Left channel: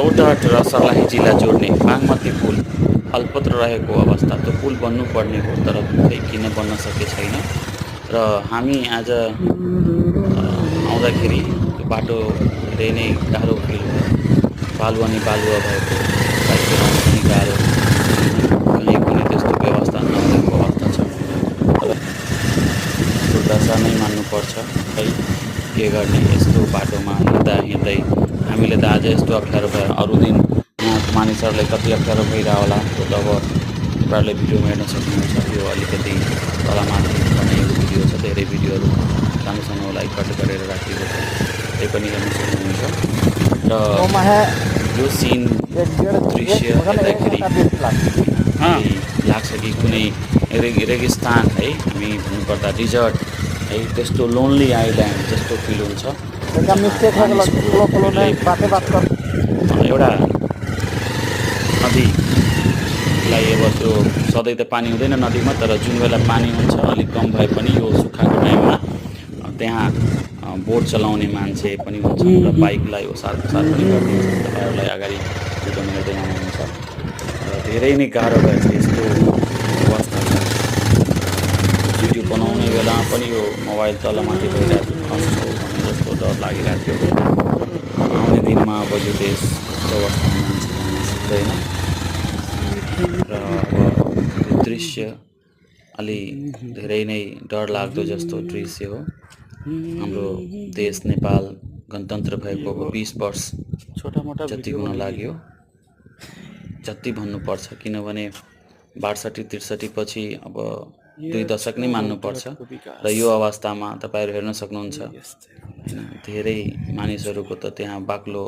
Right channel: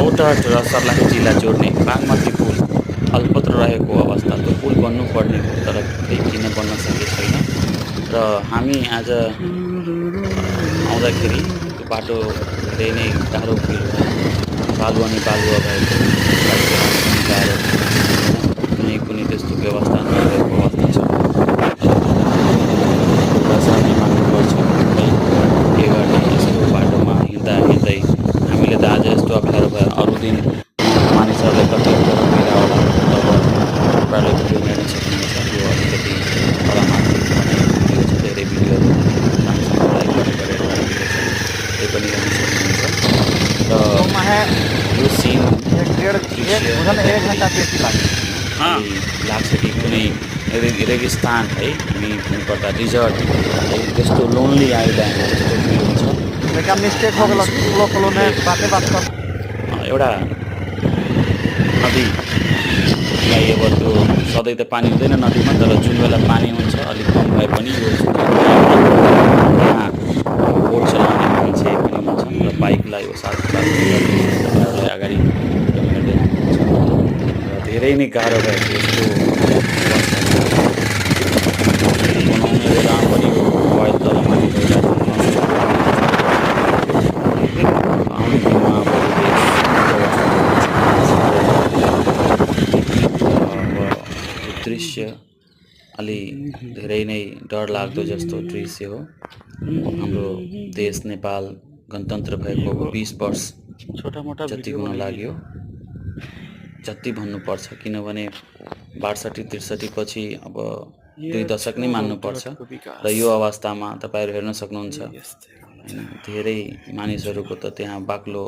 रौतहट र सर्लाही जिल्ला जोड्ने बागमती पुल अल्पत्र रहेको अवस्था। त्यो पुल बन्नुपर्ने हो तर खै किन बन्न सके छैन र हामी आज आउँदाखेरि त्यो बाटो धेरै नै गाह्रो फिल भयो। बालु अनि बालुवा भएको, बाइक चलाउन पनि गाह्रो, होइन, कहीँ कुनै त्यस्तो व्यवस्था नभएको अवस्था छ। तर दुर्दशा नै मान्नुपर्छ, खै के गर्ने। यस्तो बाटोमा हिँड्दा हिँड्दै हामीले त आज यस्तो अप्ठ्यारो भयो, अरू दिन यहाँको मानिसहरूलाई कति अप्ठ्यारो भइरह होला तब तपाईँहरूले भिडियोमा हेर्न सक्नुहुन्छ। यो अलिकति तलमाथि बनाएको भिडियो छ, धेरै भिडियोहरू सानो लाइक गरेर राखिएको छ, त्यही पनि हेर्न सक्नुहुन्छ। र यो सिन दृश्य हेर्दाखेरि लाग्छ कि कुनै रेगिस्तान है, हामी भन्नुपर्दा डिजर्ट है, त्यस्तो लोन्ली आइल्यान्ड जस्तो फिल हुन्छ। एउटा नदीलाई अब त्यो सधैँ त पानी हुँदैन नदीमा, तर जुन बेला पानी हुन्छ अलिक कम भए पनि यो सुक्खाको टाइममा त्यहाँ बोट चलाउने मान्छे पनि हुन्छ र बाइकलाई यो साथ पनि गरिदिन्छ। तपाईँहरूलाई अगाडि भिडियोमा हेर्दै हुनुहुन्छ र धेरै नै गाह्रो भएको यस्तो अवस्था छ। भिडियो बनाउने बेलामा पनि यो मोबाइल तलमाथि भइरहेको जस्तो डर लागिरहेको थियो। आउने दिनमा अब यो देश यस्तो अवस्थामा यो दृश्य अलि धेरै नै डरलाग्दो जस्तो दृश्य हो। हाम्रो देश नेपाल गणतन्त्र भएको अब 20 वर्ष जति हुन लाग्यो, जति भन्नुपर्छ, किनभने 62-63 पछि अब 2 दशक नै मान्नुपर्छ। र यो अवस्थामा तपाईँहरू हेर्न सक्नुहुन्छ, होइन, धेरै मानिसहरूको त त्यहाँ बाक्लो,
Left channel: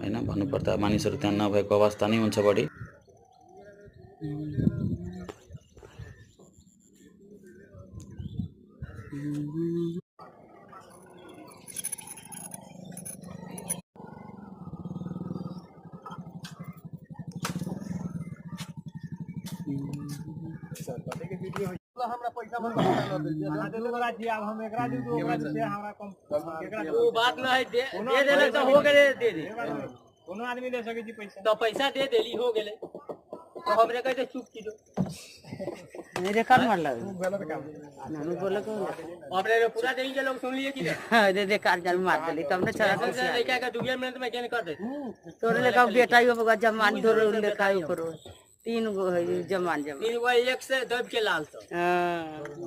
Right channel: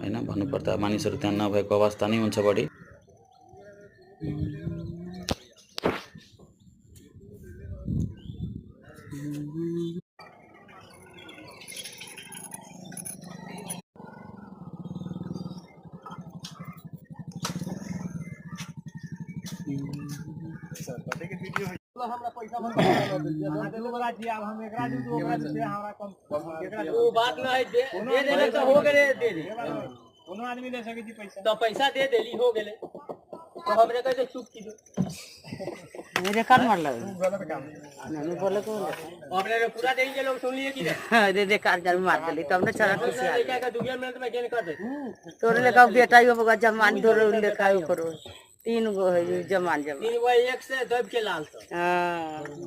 होइन, भन्नुपर्दा मानिसहरू त्यहाँ नभएको अवस्था नै हुन्छ बढी। हमरा पैसा मन बता दे लोग जी। अब हम एकरा दी तो ओकरा से हमरा कम एकरा वो बात ना है, दे देले तो हो गेले, दे दे कोनो आदमी ले सके जी पैसा, तो पैसा दे देली हो गेले, तो हमरे कहे चुप की दो मेरे कान मार लगा गलत काम ना बोले को हमरे पूरा देई जे लोग सुन लिए की दे दे कार जल मार देली तब ने छरा लड़का का 2 मिनट में केन कर दे तोरे लेका बेटा यो बगा जमान धोरे लेका करो 3 गो है जमान 3 गो एक से दब के लाल तो। हां